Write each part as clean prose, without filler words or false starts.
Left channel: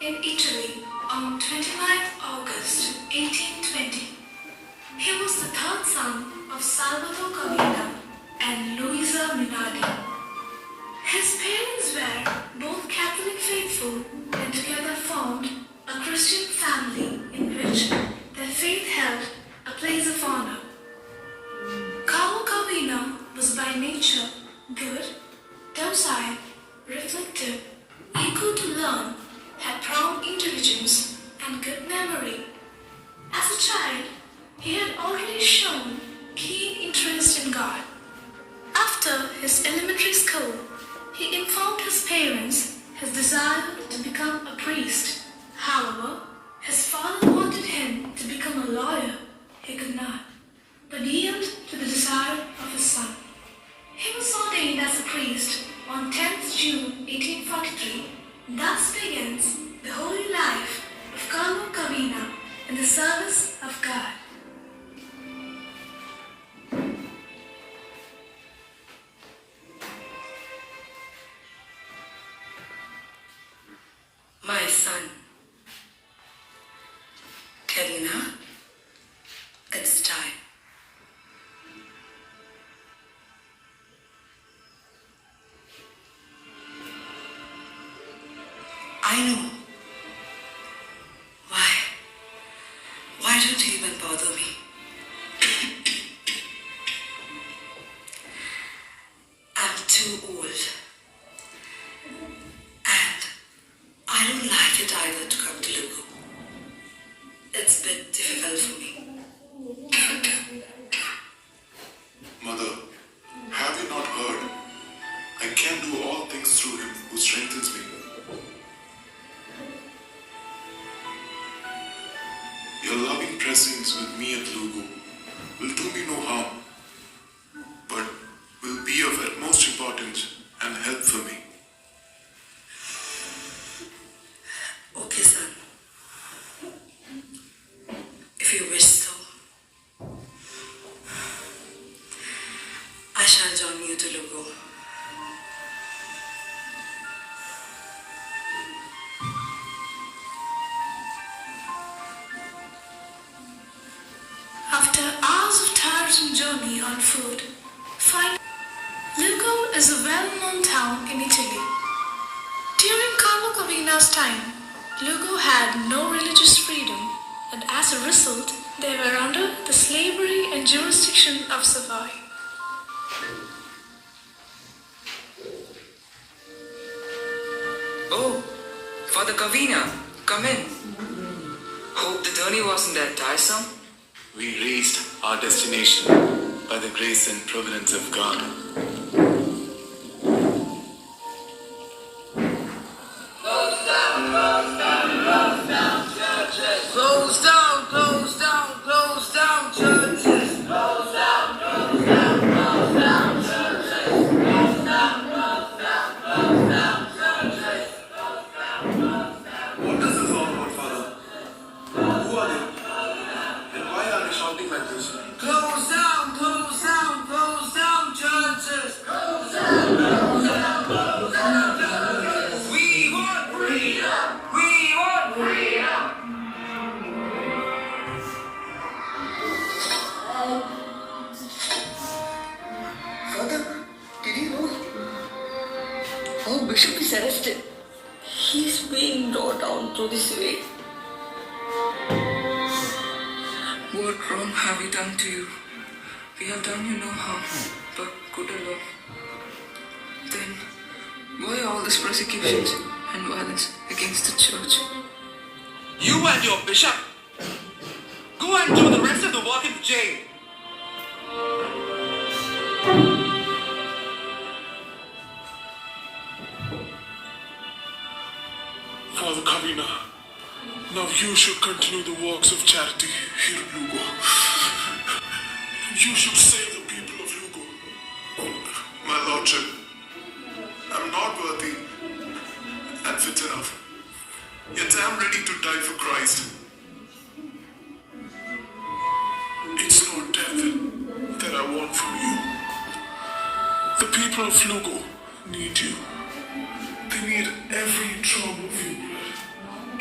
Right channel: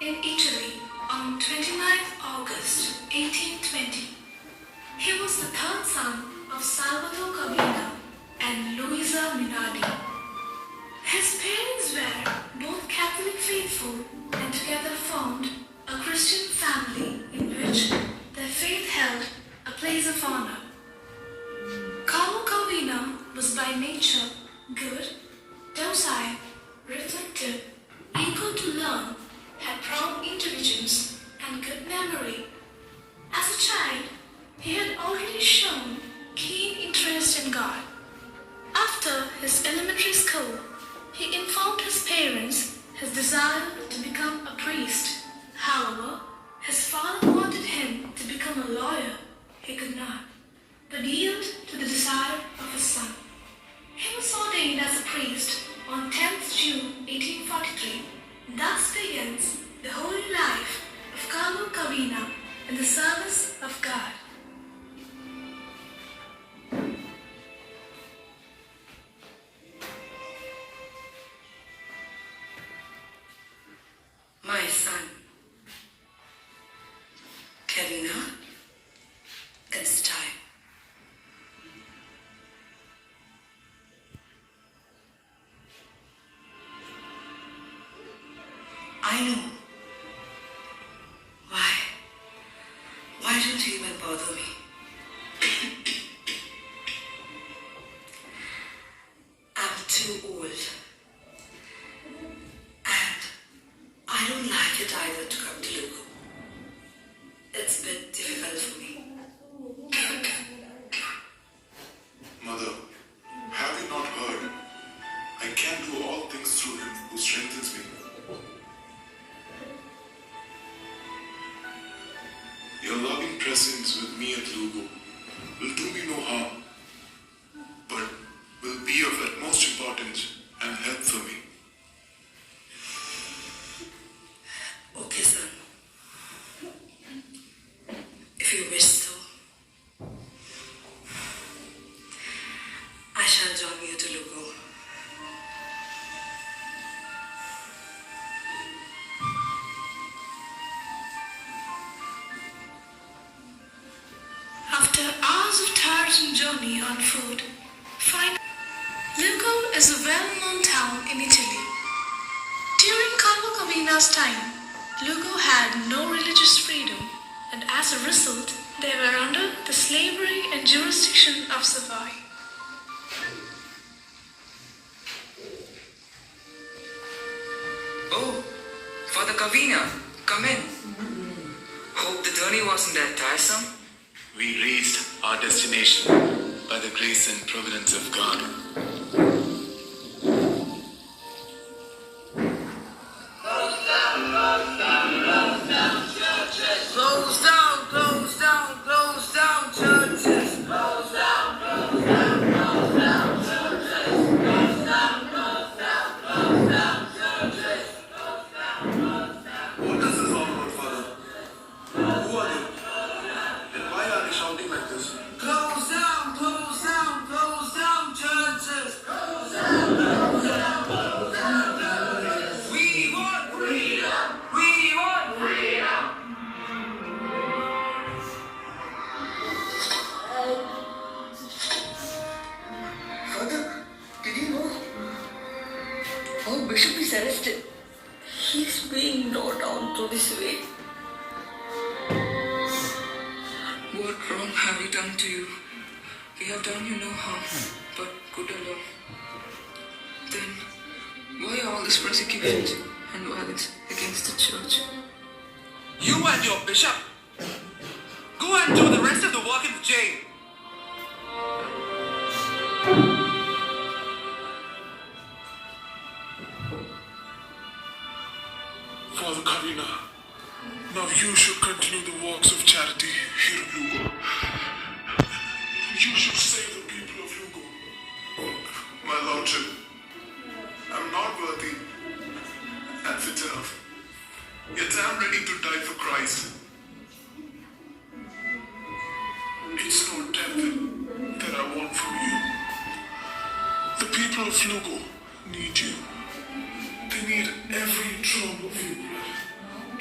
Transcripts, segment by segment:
in Italy on 29th August 1820. He was the third son of Salvatore Cavina and Luisa Minardi. His parents were both Catholic faithful and together formed a Christian family in which their faith held a place of honor. Carlo Cavina was by nature good, docile, reflective, eager to learn, had prompt intelligence and good memory. As a child, he had already shown keen interest in God. After his elementary school, he informed his parents his desire to become a priest. However, his father wanted him to become a lawyer. He could not, but yielded to the desire of his son. He was ordained as a priest on 10th June 1843. Thus begins the holy life of Carlo Cavina in the service of God. My son, Cavina, it's time. I know. Why don't you even bother me? I'm too old. And I don't like it either to come to Lugo. It's a bit difficult for me. Mother, have you not heard? I can do all things through him who strengthens me. Your loving presence with me at Lugo will do me no harm, but will be of utmost importance and help for me. Okay, son. If you wish so, I shall join you to Lugo. After hours of tiresome journey on foot, Lugo is a well-known town in Italy. During Carlo Cavina's time, Lugo had no religious freedom, and as a result, they were under the slavery and jurisdiction of Savoy. Oh, Father Cavina, come in. Hope the journey wasn't that tiresome. We reached our destination by the grace and providence of God. Close down, close down, close down churches. Close down, close down, close down churches. Close down, close down, close down churches. Close down, close down. What does this all about, Father? Who are they? And why are they shouting like this? Close down, close down, close down churches. Close down, close down, close down churches. We want freedom. We want freedom. Father, did you know? Our bishop is arrested. He's being brought down to this way. What wrong have we done to you? We have done you no harm, but good alone. Then, why all these persecutions and violence against the church? You and your bishop, go and do the rest of the work in the jail. Father Cavina, now you should continue the works of charity here in Lugo. You should save the people of Lugo. My lordship, I'm not worthy and fit enough. Yet I'm ready to die for Christ. It's not death that I want from you. The people of Lugo need you. They need every drop of your blood.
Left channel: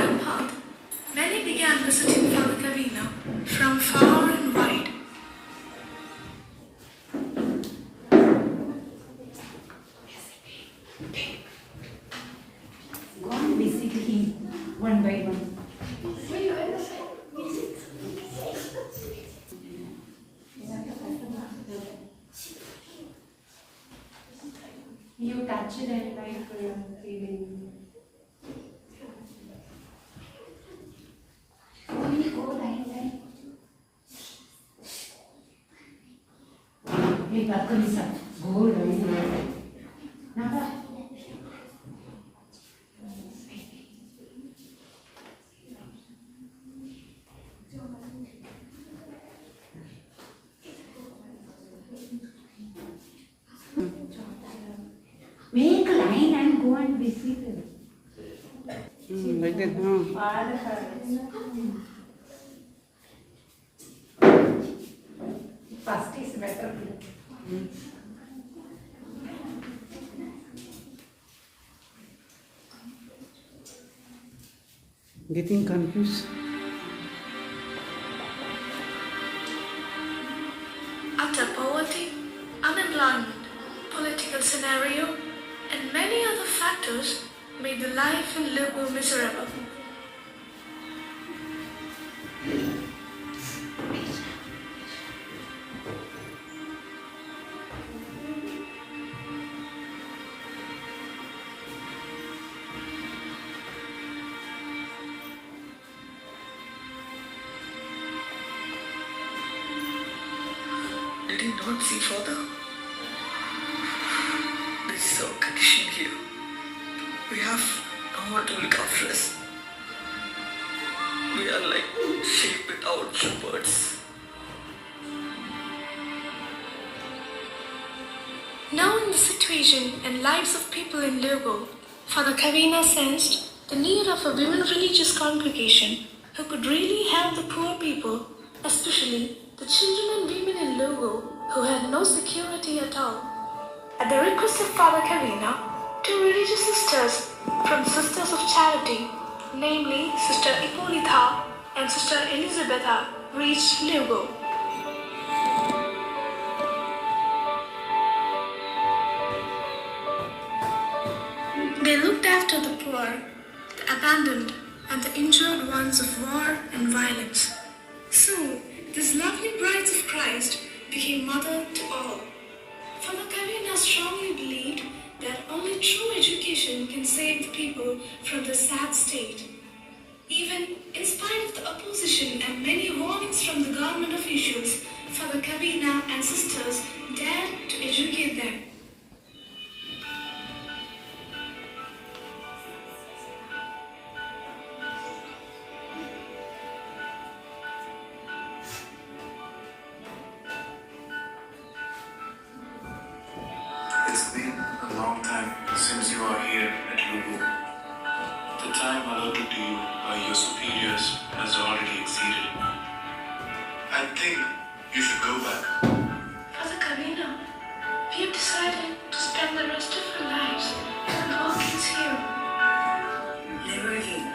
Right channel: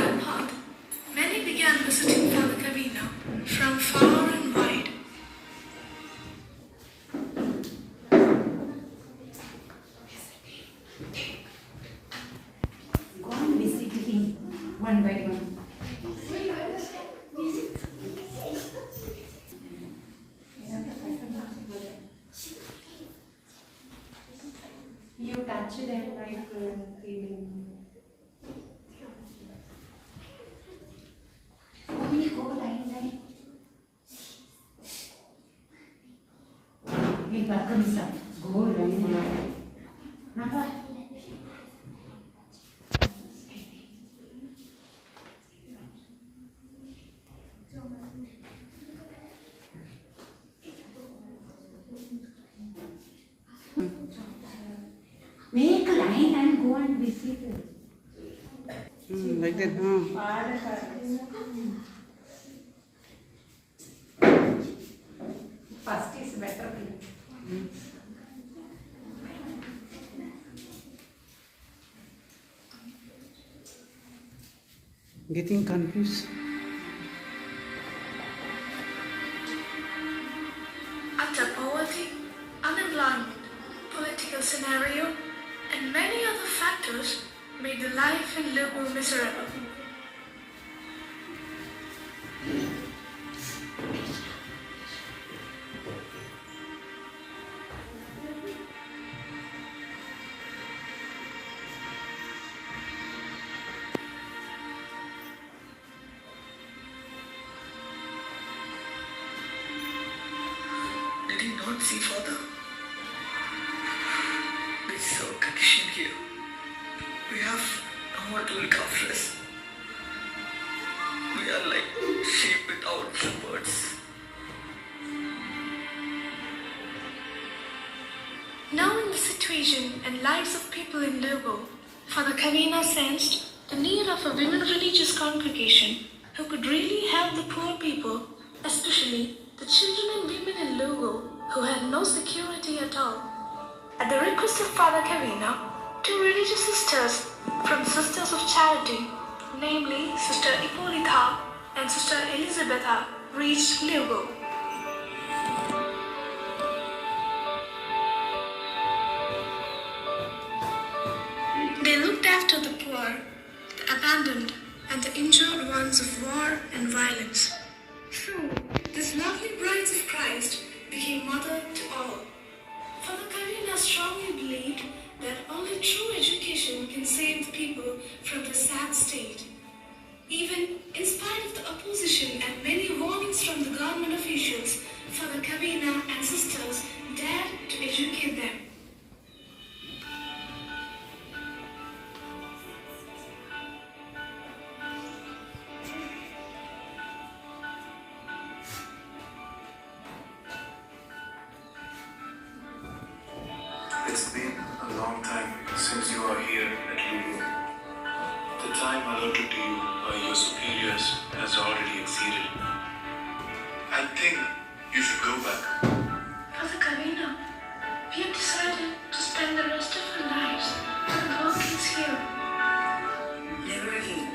divine path, many began visiting Father Cavina from far and wide. Go and visit him one by one. You touch them like feeling. Go like. Hey, Pakamisa, go like. Napa? Make a line and go and visit her. Like that, First is better. Getting confused. After poverty, unemployment, political scenario, and many other factors made the life in Lugo miserable. Did he not see Father? This is our condition here. We have no one to look after us. We are like sheep without shepherds. Knowing the situation and lives of people in Lugo, Father Cavina sensed the need of a women religious congregation who could really help the poor people, especially the children and women in Lugo who had no security at all. At the request of Father Cavina, two religious sisters from Sisters of Charity, namely Sister Hippolyta and Sister Elisabetta, reached Lugo. They looked after the poor, the abandoned, and the injured ones of war and violence. So, these lovely brides of Christ became mother to all. Father Cavina strongly believed that only true education can save the people from the sad state. Even in spite of the opposition and many warnings from the government officials, Father Cavina and sisters dared to educate them. It's been a long time since you are here at Lugo. The time allotted to you by your superiors has already exceeded. I think you should go back. Father Cavina, we have decided to spend the rest of our lives with our kids here. Never again.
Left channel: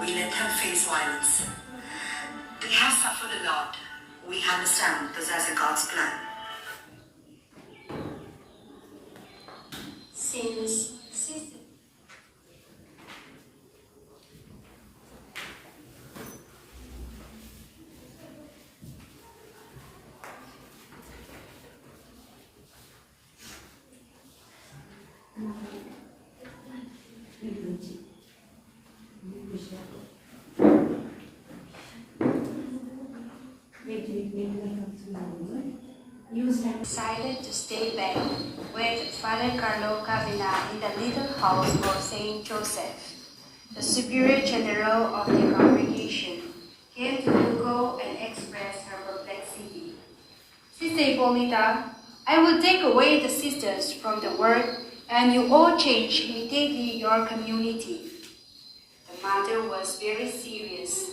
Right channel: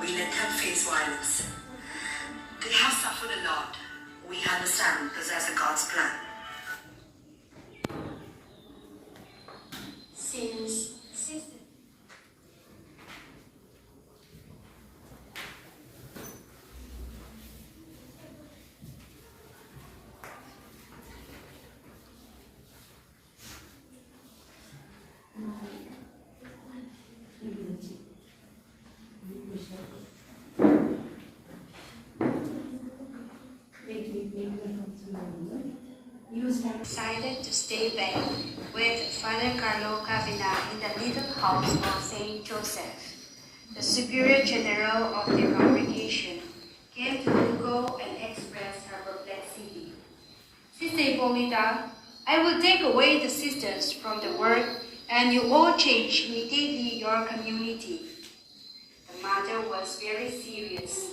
We let them face violence. They have suffered a lot. We understand this as a God's plan. Since decided to stay back with Father Carlo Cavina in the little house of Saint Joseph. The Superior General of the congregation came to Lugo and expressed her perplexity. Sister Hippolyta, I will take away the sisters from the work and you all change immediately your community. The matter was very serious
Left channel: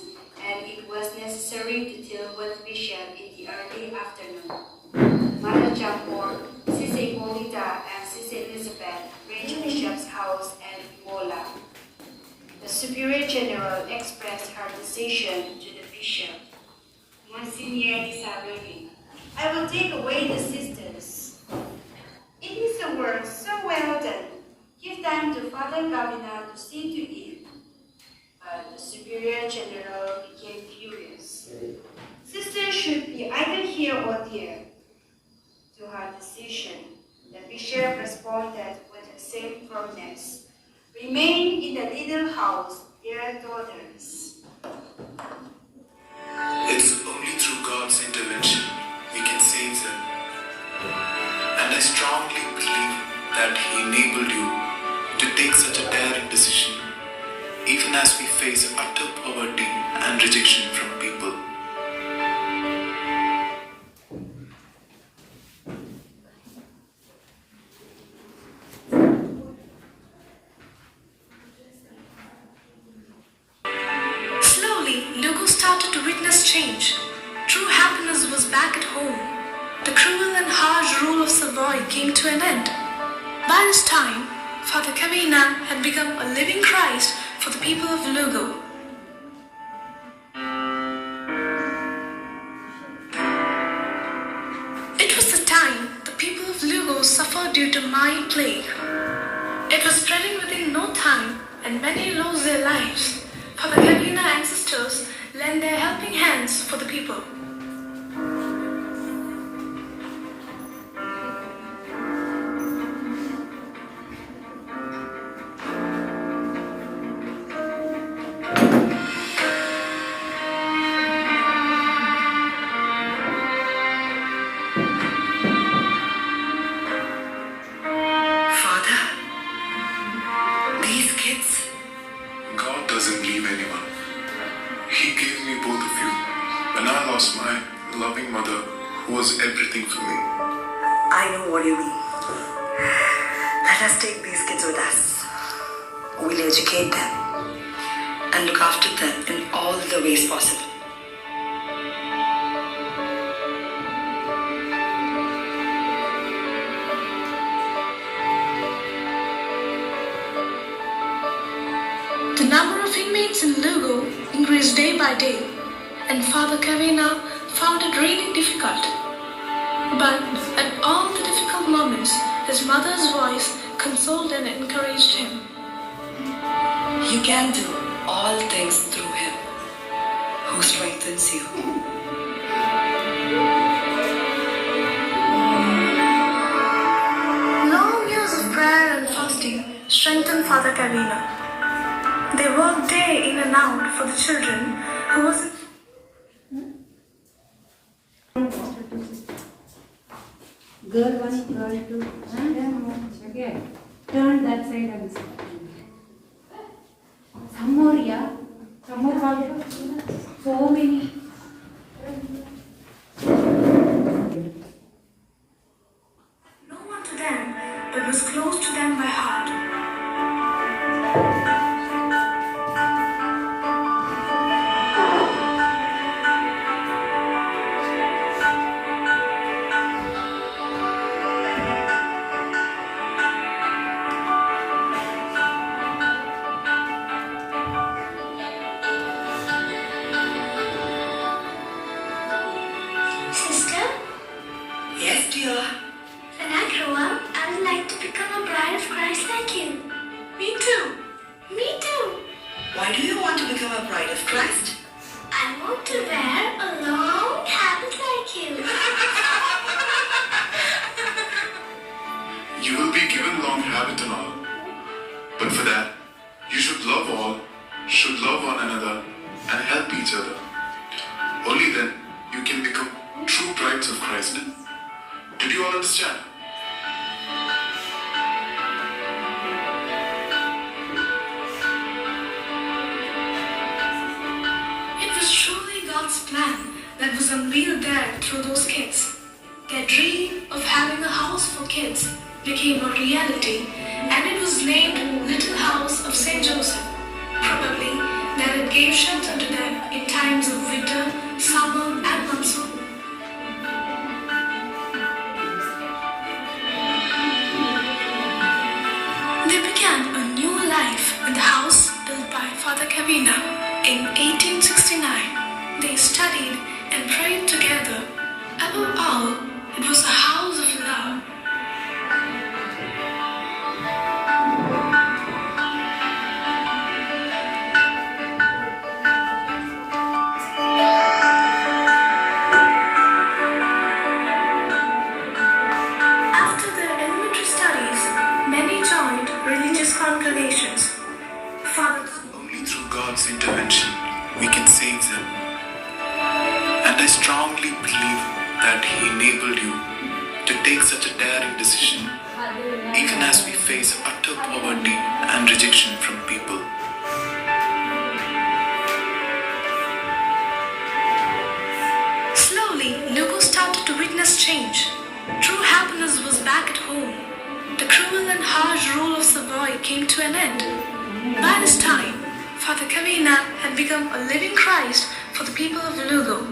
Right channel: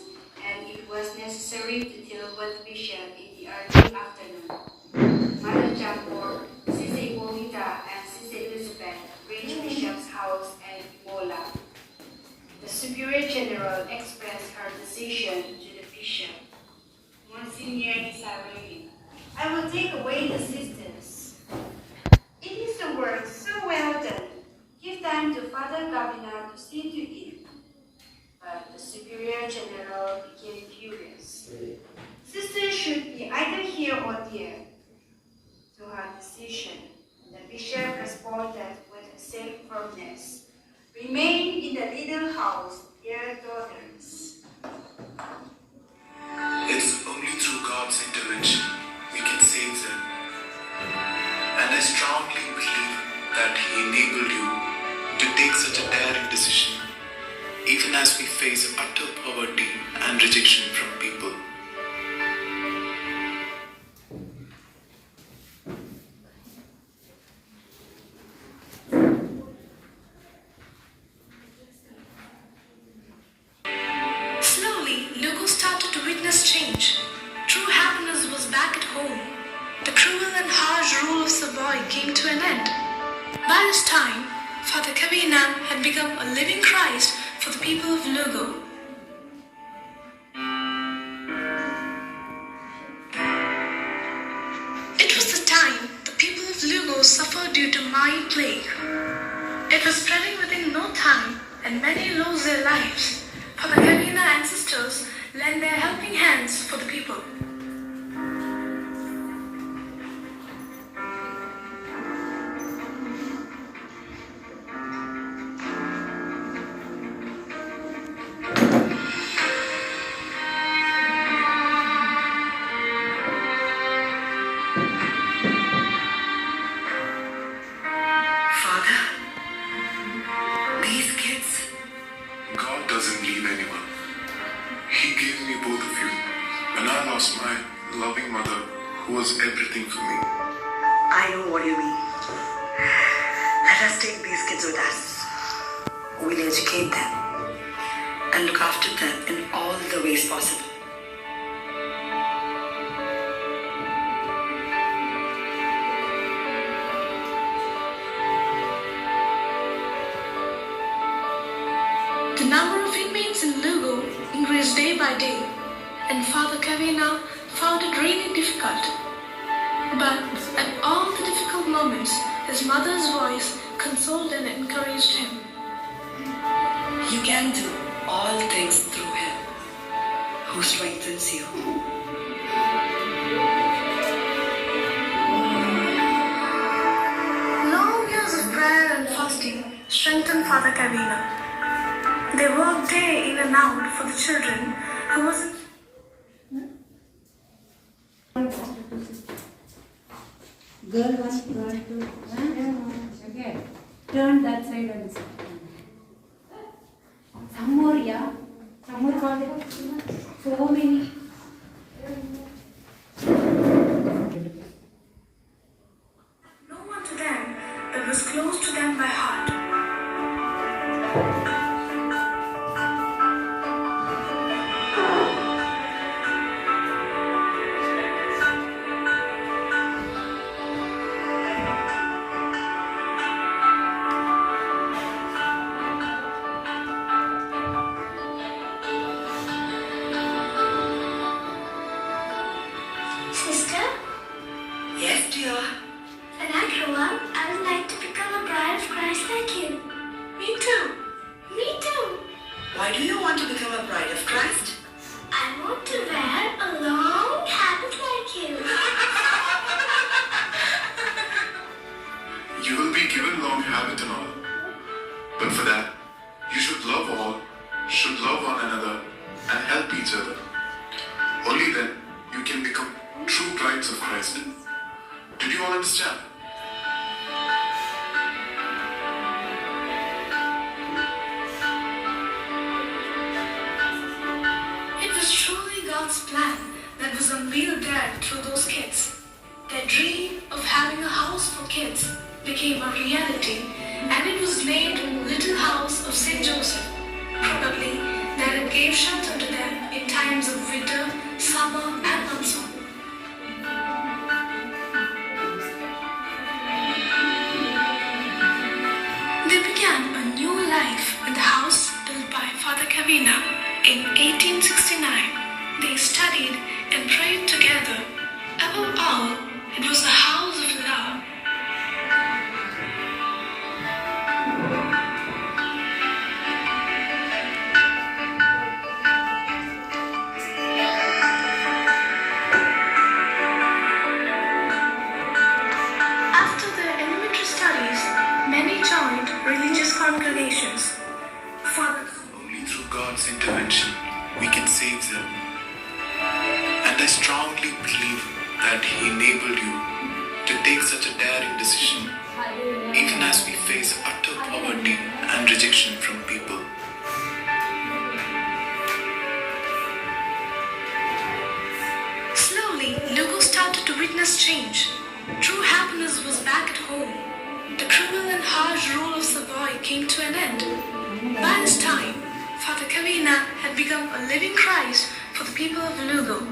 and it was necessary to deal with Bishop in the early afternoon. Father Jampor, Sister Hippolyta, and Sister Elizabeth reached Bishop's house at Imola. The Superior General expressed her decision to the bishop. Monsignor Isabelle, I will take away the sisters. It is a work so well done. Give them to Father Gavina to see to it. But the Superior General became furious. Sisters should be either here or there. To her decision, the bishop responded with the same firmness. Remain in the little house, dear daughters. It's only through God's intervention we can save them. And I strongly believe that He enabled you to take such a daring decision, even as we face utter poverty and rejection from people. Slowly, Lugo started to witness change. True happiness was back at home. The cruel and harsh rule of Savoy came to an end. By this time, Father Cavina had become a living Christ for the people of Lugo. It was the time the people of Lugo suffered due to Mai plague. It was spreading within no time, and many lost their lives. Father Cavina and sisters lent their helping hands for the people. Father, these kids, God doesn't leave anyone. He gave me both of you when I lost my loving mother, who was everything for me. I know what you mean. Let us take these kids with us. We'll educate them and look after them in all the ways possible. The number of inmates in Lugo increased day by day, and Father Cavina found it really difficult. But at all the difficult moments, his mother's voice consoled and encouraged him. You can do all things through Him who strengthens you. Long years of prayer and fasting strengthened Father Cavina. They worked day in and out for the children who was Girl 1, girl 2. Again. Turn that side and sit. Some more, yeah. Some more, so many. no one to them, but was close to them by heart. Sister, Yes, dear. when I grow up, I would like to become a bride of Christ like you. Me too. Me too. Why do you want to become a bride of Christ? I want to wear a long habit like you. You will be given long habit and all. But for that, you should love all, should love one another, and help each other. Only then you can become true brides of Christ. Did you all understand? It was truly God's plan that was unveiled there through those kids. Their dream of having a house for kids became a reality, and it was named Little House of St. Joseph. Probably that it gave shelter to them in times of winter, summer, and monsoon. They began a new life in the house built by Father Above all, it was a house of love. After their elementary studies, many joined religious congregations. Father Only through God's intervention we can save them. And I strongly believe that He enabled you to take such a daring decision, even as we face utter poverty and rejection from people. Slowly, Lugo started to witness change. True happiness was back at home. The cruel and harsh rule of Savoy came to an end. By this time, Father Kavina had become a living Christ for the people of Lugo.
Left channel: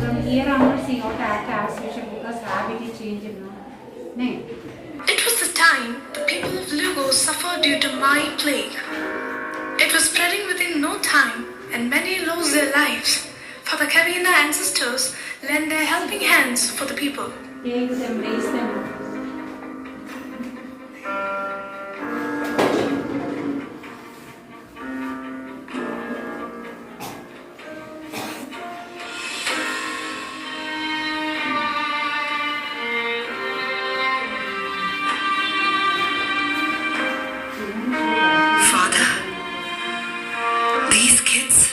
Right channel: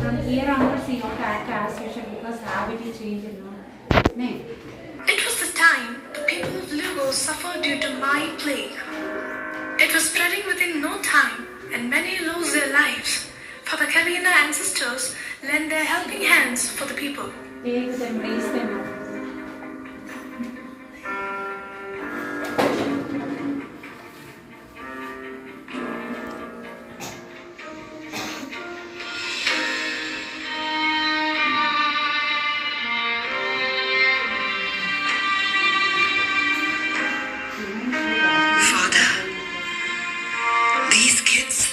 From here onwards, you have to act as usual because habit is changed. No. It was the time the people of Lugo suffered due to Mai plague. It was spreading within no time, and many lost their lives. Father Kavina and sisters lent their helping hands for the people. Take them, raise them. Father, these kids,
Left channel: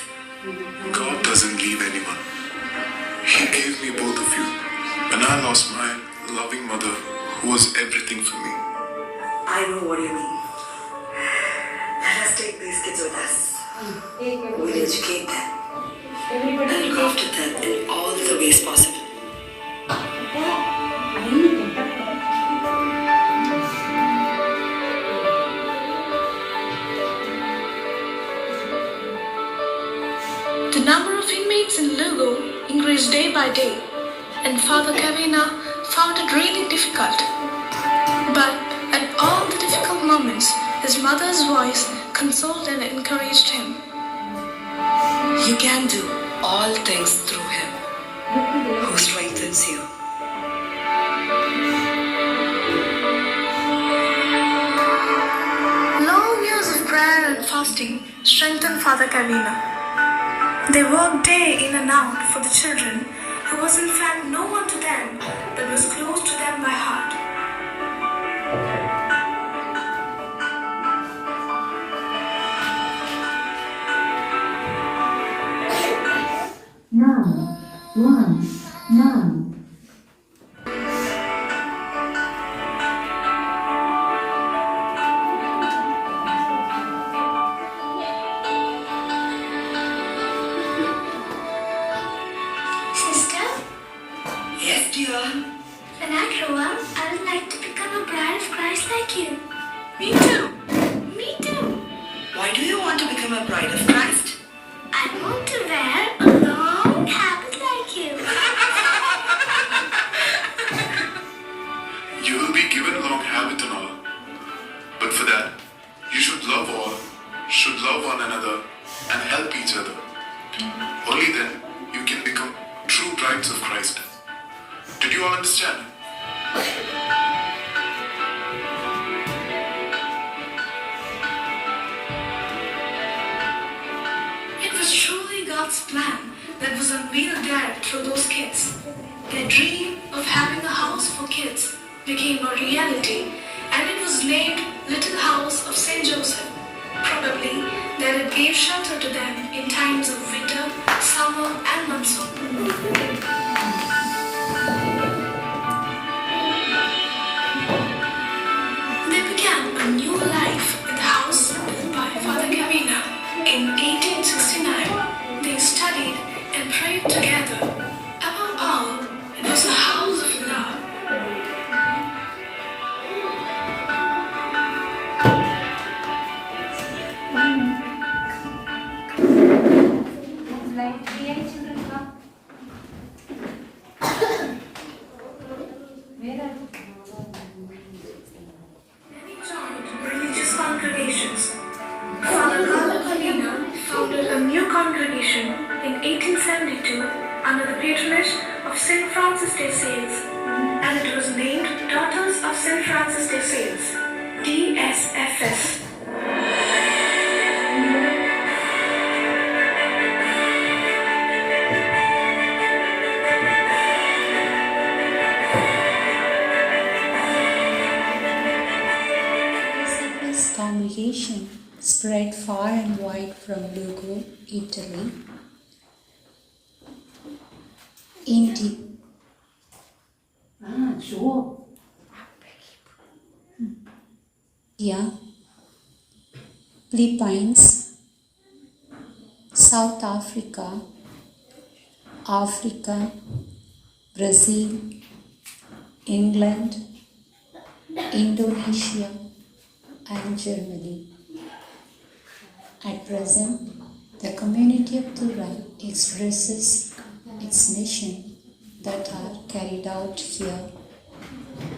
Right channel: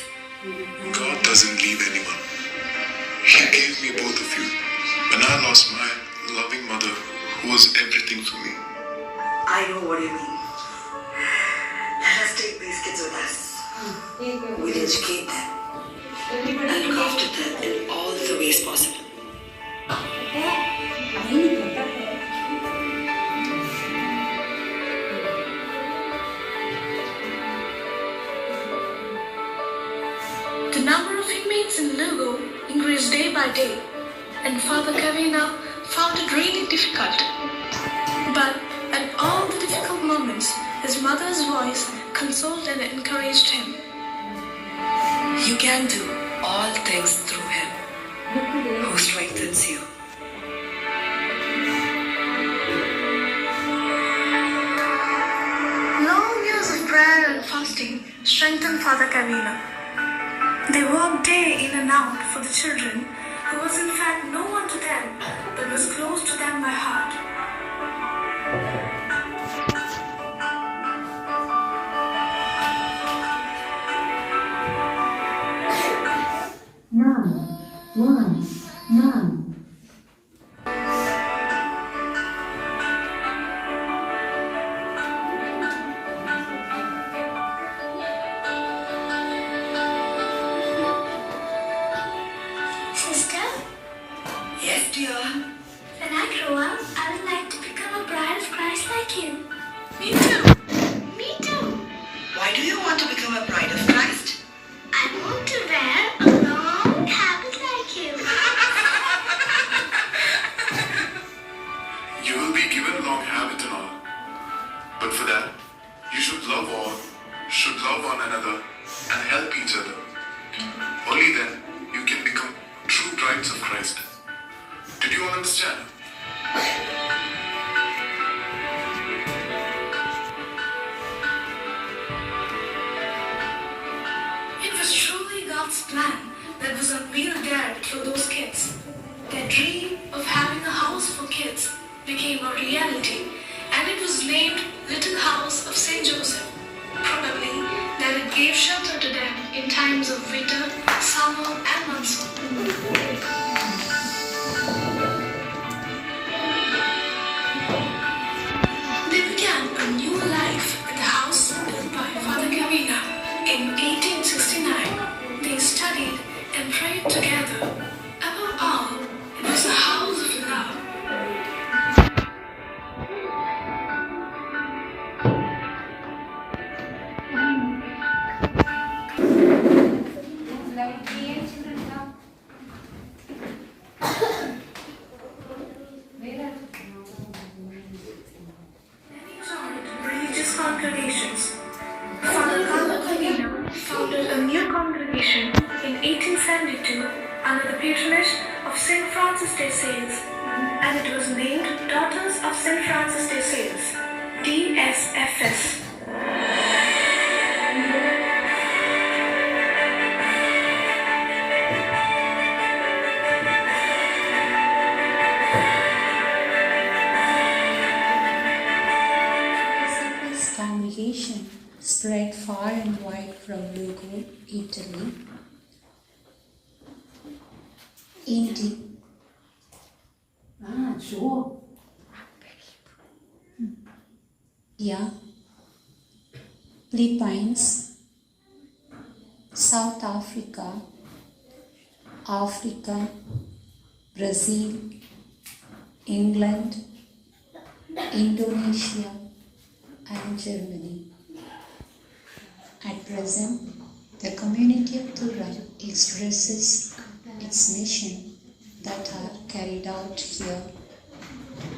God doesn't leave anyone. He gave me both of you. When I lost my loving mother, who was everything for me. I know what you mean. Let us take these kids with us. We'll educate them and look after them in all the ways possible. The number of inmates in Lugo increased day by day, and Father Kavina found it really difficult. But at all the difficult moments, his mother's voice consoled and encouraged him. You can do all things through Him who strengthens you. Long years of prayer and fasting strengthened Father Kavina. They worked day in and out for the children, who was in fact no one to them that was close to them by heart. None. Sister, Yes, dear. when I grow up, I would like to become a bride of Christ like you. Me too. Me too. Why do you want to become a bride of Christ? I want to wear a long habit like you. You will be given long habit and all. But for that, you should love all, should love one another, and help each other. Only then you can become true brides of Christ. Did you all understand? It was truly God's plan that was unveiled there through those kids. Their dream of having a house for kids became a reality, and it was named Little House of St. Joseph. Probably that it gave shelter to them in times of winter, summer, and monsoon. They began a new life in the house built by Father Kavina. In 1869, they studied and prayed together. Above all, it was a house of love. It's like here children come. Francis de Sales, DSFS. DSFS congregation spread far and wide from Lugo, Italy. Sure. Yeah. Philippines, South Africa, Africa, Brazil, England, Indonesia, and Germany. At present, the community of Tura expresses its mission that are carried out here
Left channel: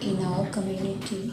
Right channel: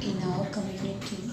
in our community